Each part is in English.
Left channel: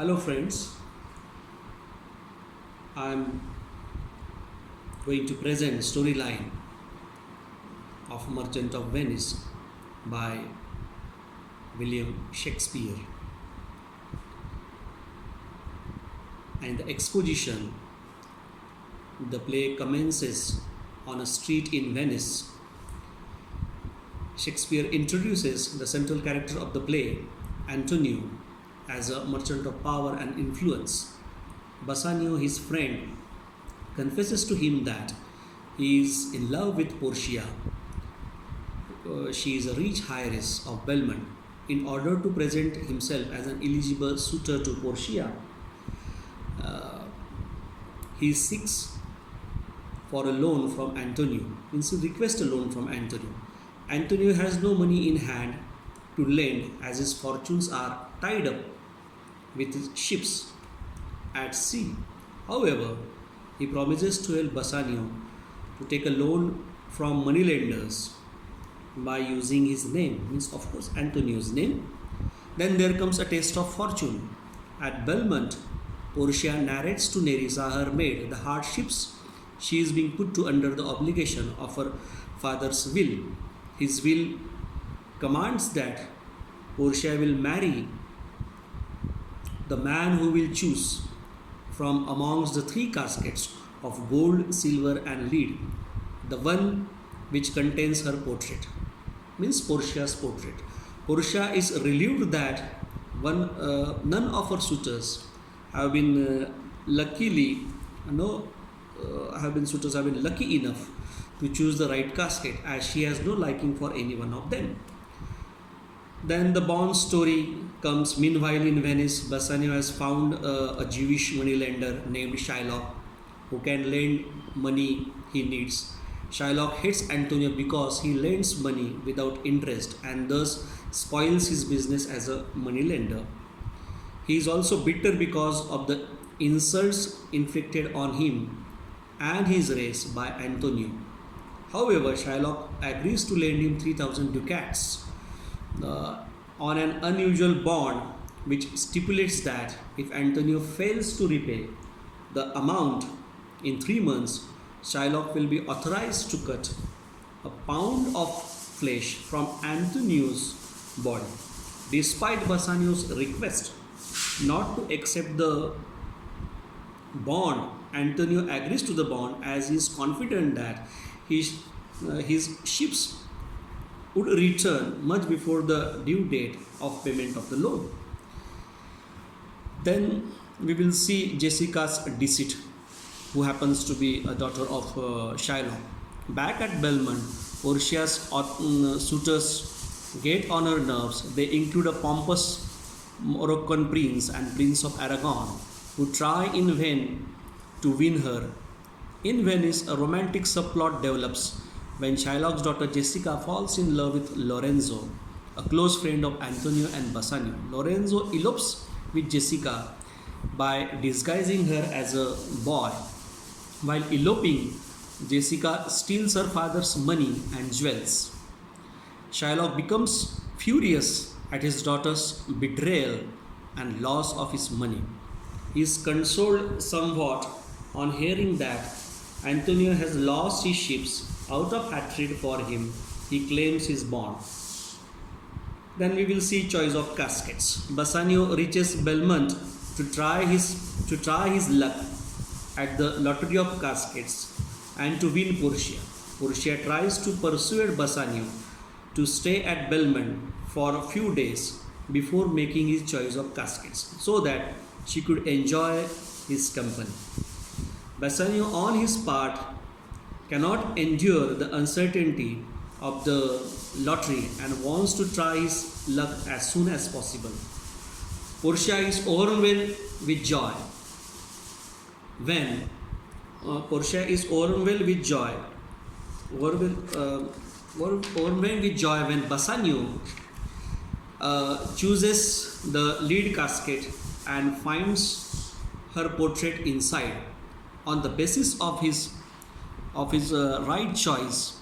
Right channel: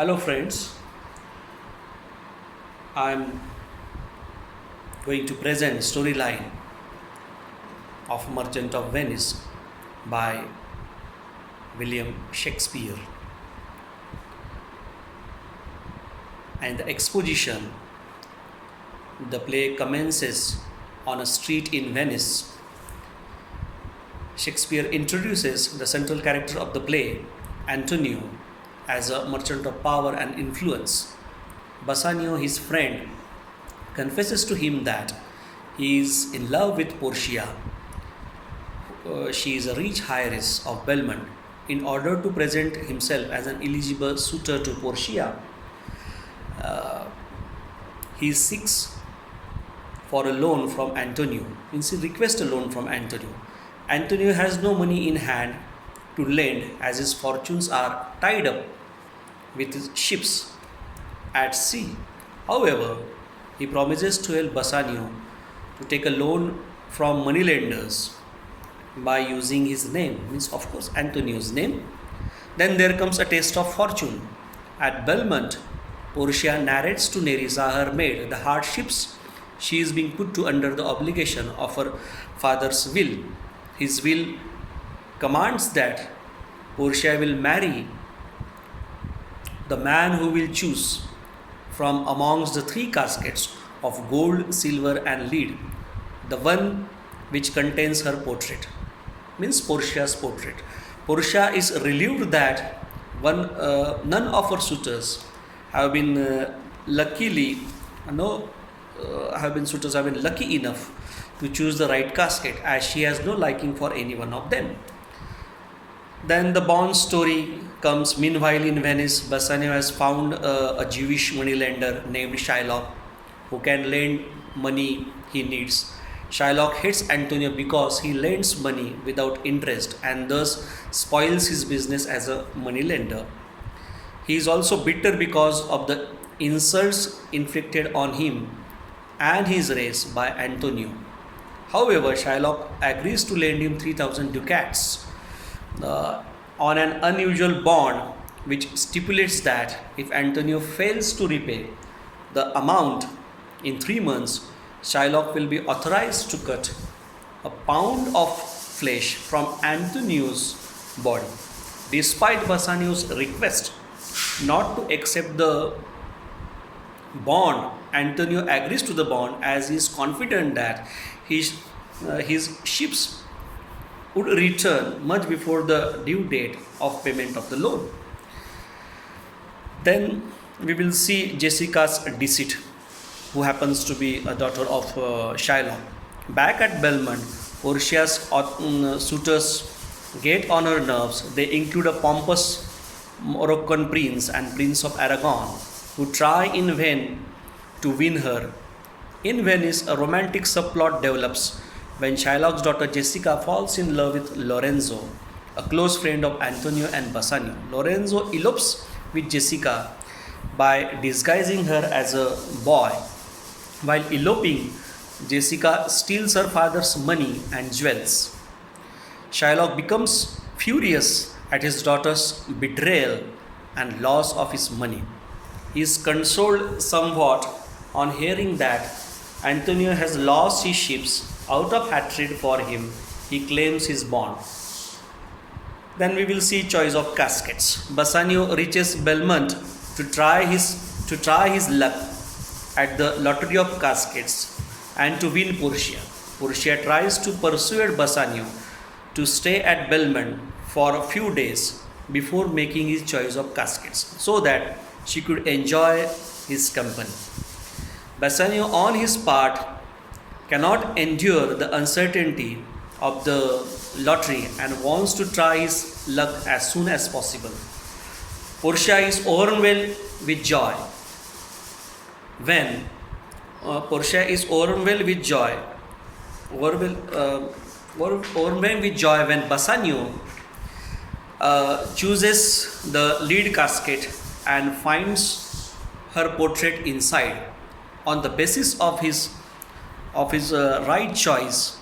Hello friends, I am going to present storyline of Merchant of Venice by William Shakespeare. And the exposition, the play commences on a street in Venice. Shakespeare introduces the central character of the play, Antonio, as a merchant of power and influence. Bassanio, his friend, confesses to him that he is in love with Portia. She is a rich heiress of Belmont. In order to present himself as an eligible suitor to Portia, he seeks for a loan from Antonio. Means he requests a loan from Antonio. Antonio has no money in hand to lend, as his fortunes are tied up with his ships at sea. However, he promises to help Bassanio to take a loan from moneylenders by using his name, means of course Antonio's name. Then there comes a taste of fortune. At Belmont, Portia narrates to Nerissa, her maid, the hardships she is being put to under the obligation of her father's will. His will commands that Portia will marry the man who will choose from amongst the three caskets of gold, silver, and lead, the one which contains her portrait, means Portia's portrait. Portia is relieved that none of her suitors have been suitors have been lucky enough to choose the right casket, as she has no liking for any one of them. Then the bond story comes. Meanwhile, in Venice, Bassanio has found a Jewish moneylender named Shylock who can lend money he needs. Shylock hates Antonio because he lends money without interest and thus spoils his business as a moneylender. He is also bitter because of the insults inflicted on him and his race by Antonio. However, Shylock agrees to lend him 3,000 ducats on an unusual bond which stipulates that if Antonio fails to repay the amount in 3 months, Shylock will be authorized to cut a pound of flesh from Antonio's body. Despite Bassanio's request not to accept the bond, Antonio agrees to the bond as he is confident that his ships would return much before the due date of payment of the loan. Then we will see Jessica's deceit, who happens to be a daughter of Shylock. Back at Belmont, Portia's suitors get on her nerves. They include a pompous Moroccan prince and Prince of Aragon, who try in vain to win her. In Venice, a romantic subplot develops when Shylock's daughter Jessica falls in love with Lorenzo, a close friend of Antonio and Bassanio. Lorenzo elopes with Jessica by disguising her as a boy. While eloping, Jessica steals her father's money and jewels. Shylock becomes furious at his daughter's betrayal and loss of his money. He is consoled somewhat on hearing that Antonio has lost his ships. Out of hatred for him, he claims his bond. Then we will see choice of caskets. Bassanio reaches Belmont to try his luck at the lottery of caskets and to win Portia. Portia tries to persuade Bassanio to stay at Belmont for a few days before making his choice of caskets, so that she could enjoy his company. Bassanio, on his part, cannot endure the uncertainty of the lottery and wants to try his luck as soon as possible. Portia is overwhelmed with joy when Bassanio chooses the lead casket and finds her portrait inside. On the basis of his right choice,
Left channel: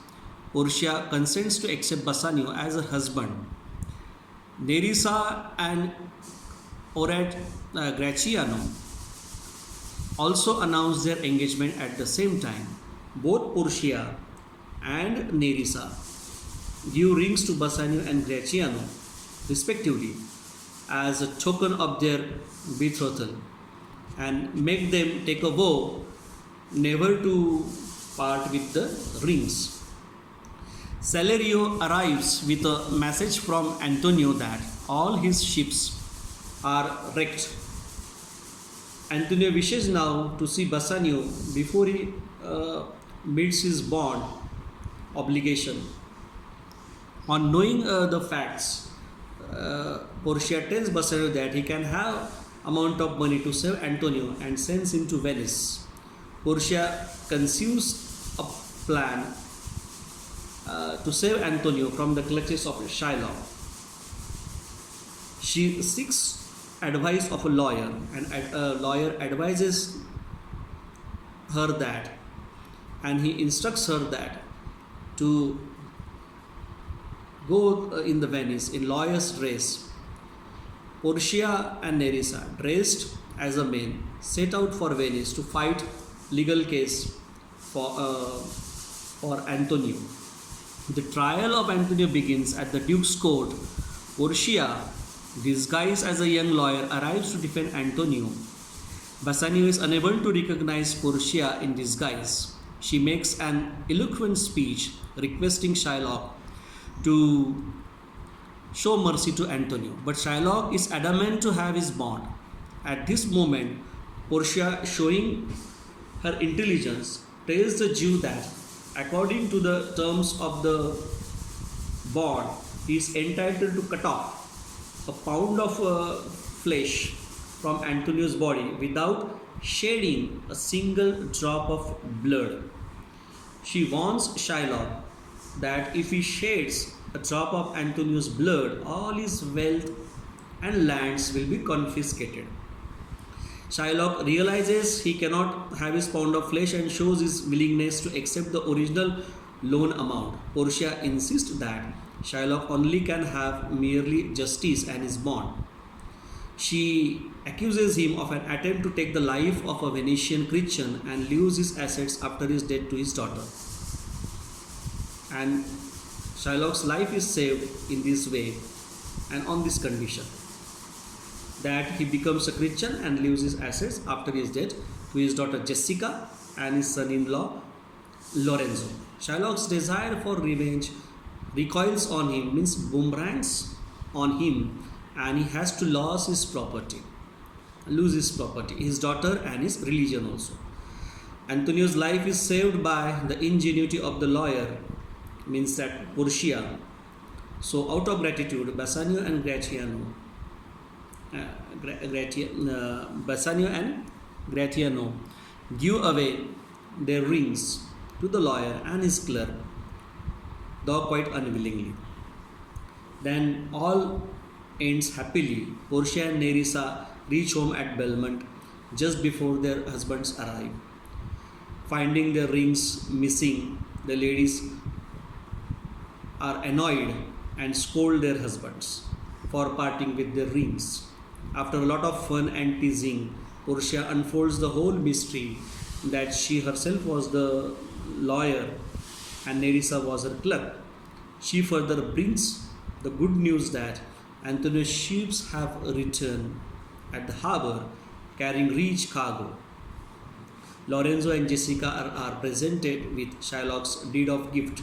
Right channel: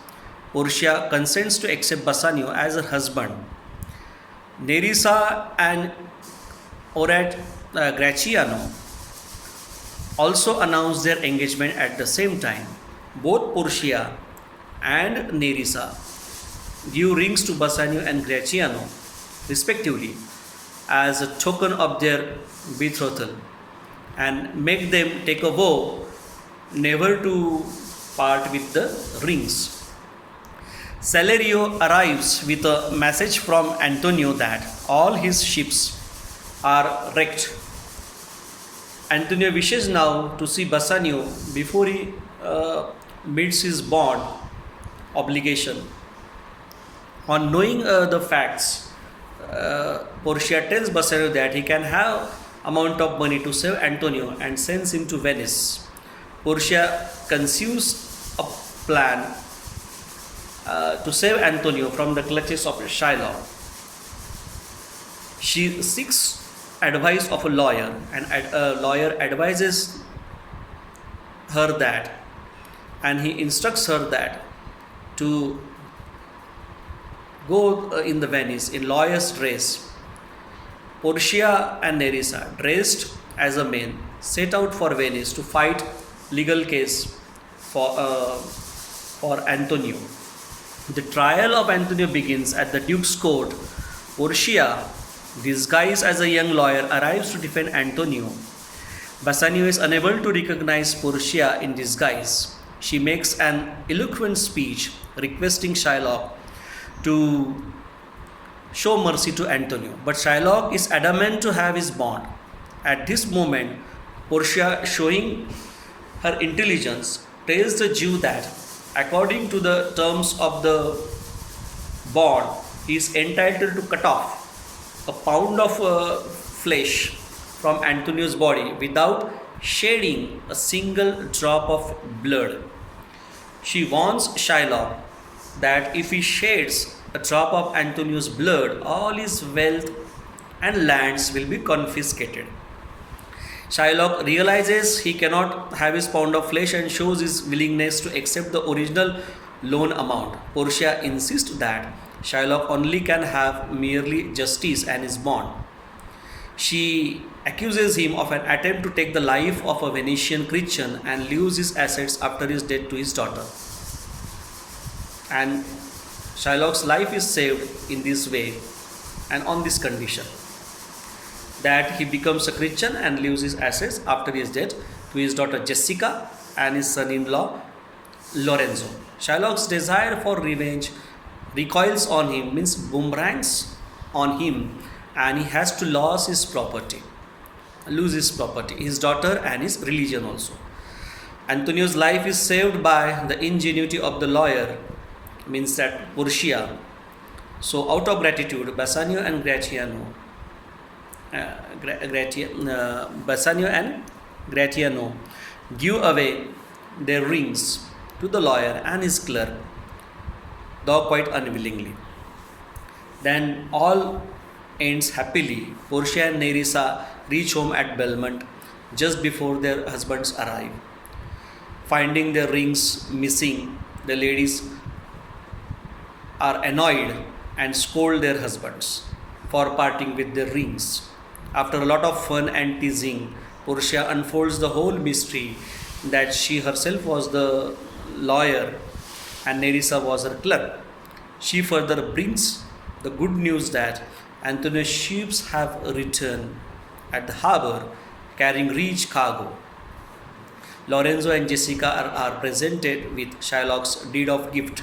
Portia consents to accept Bassanio as her husband. Nerissa and Orat Graciano also announced their engagement at the same time. Both Portia and Nerissa give rings to Bassanio and Graciano, respectively, as a token of their betrothal and make them take a vow never to part with the rings. Celerio arrives with a message from Antonio that all his ships are wrecked. Antonio wishes now to see Bassanio before he meets his bond obligation. On knowing the facts, Portia tells Bassanio that he can have amount of money to save Antonio and sends him to Venice. Portia conceives a plan to save Antonio from the clutches of Shylock. She seeks advice of a lawyer, and a lawyer advises her that, and he instructs her that to go in the Venice in lawyer's dress. Portia and Nerissa, dressed as a men, set out for Venice to fight legal case for Antonio. The trial of Antonio begins at the Duke's court. Portia, disguised as a young lawyer, arrives to defend Antonio. Bassanio is unable to recognize Portia in disguise. She makes an eloquent speech requesting Shylock to show mercy to Antonio, but Shylock is adamant to have his bond. At this moment, Portia, showing her intelligence, tells the Jew that, according to the terms of the bond, he is entitled to cut off a pound of flesh from Antonio's body without shedding a single drop of blood. She warns Shylock that if he sheds a drop of Antonio's blood, all his wealth and lands will be confiscated. Shylock realizes he cannot have his pound of flesh and shows his willingness to accept the original loan amount. Portia insists that Shylock only can have merely justice and his bond. She accuses him of an attempt to take the life of a Venetian Christian and leaves his assets after his death to his daughter. And Shylock's life is saved in this way and on this condition, that he becomes a Christian and leaves his assets after his death to his daughter Jessica and his son-in-law Lorenzo. Shylock's desire for revenge recoils on him, means boomerangs on him, and he has to lose his property, his daughter and his religion also. Antonio's life is saved by the ingenuity of the lawyer, means that Portia. So out of gratitude, Bassanio and Gratiano give away their rings to the lawyer and his clerk, though quite unwillingly. Then all ends happily. Portia and Nerissa reach home at Belmont just before their husbands arrive. Finding their rings missing, the ladies are annoyed and scold their husbands for parting with their rings. After a lot of fun and teasing, Portia unfolds the whole mystery that she herself was the lawyer and Nerissa was her clerk. She further brings the good news that Antonio's ships have returned at the harbor carrying rich cargo. Lorenzo and Jessica are presented with Shylock's deed of gift,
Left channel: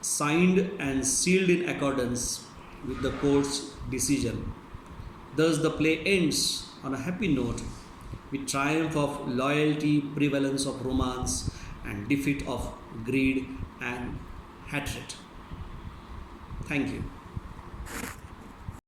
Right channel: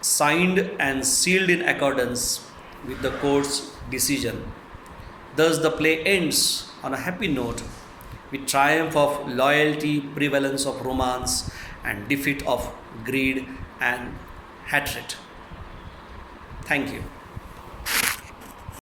signed and sealed in accordance with the court's decision. Thus the play ends on a happy note with triumph of loyalty, prevalence of romance, and defeat of greed and hatred. Thank you.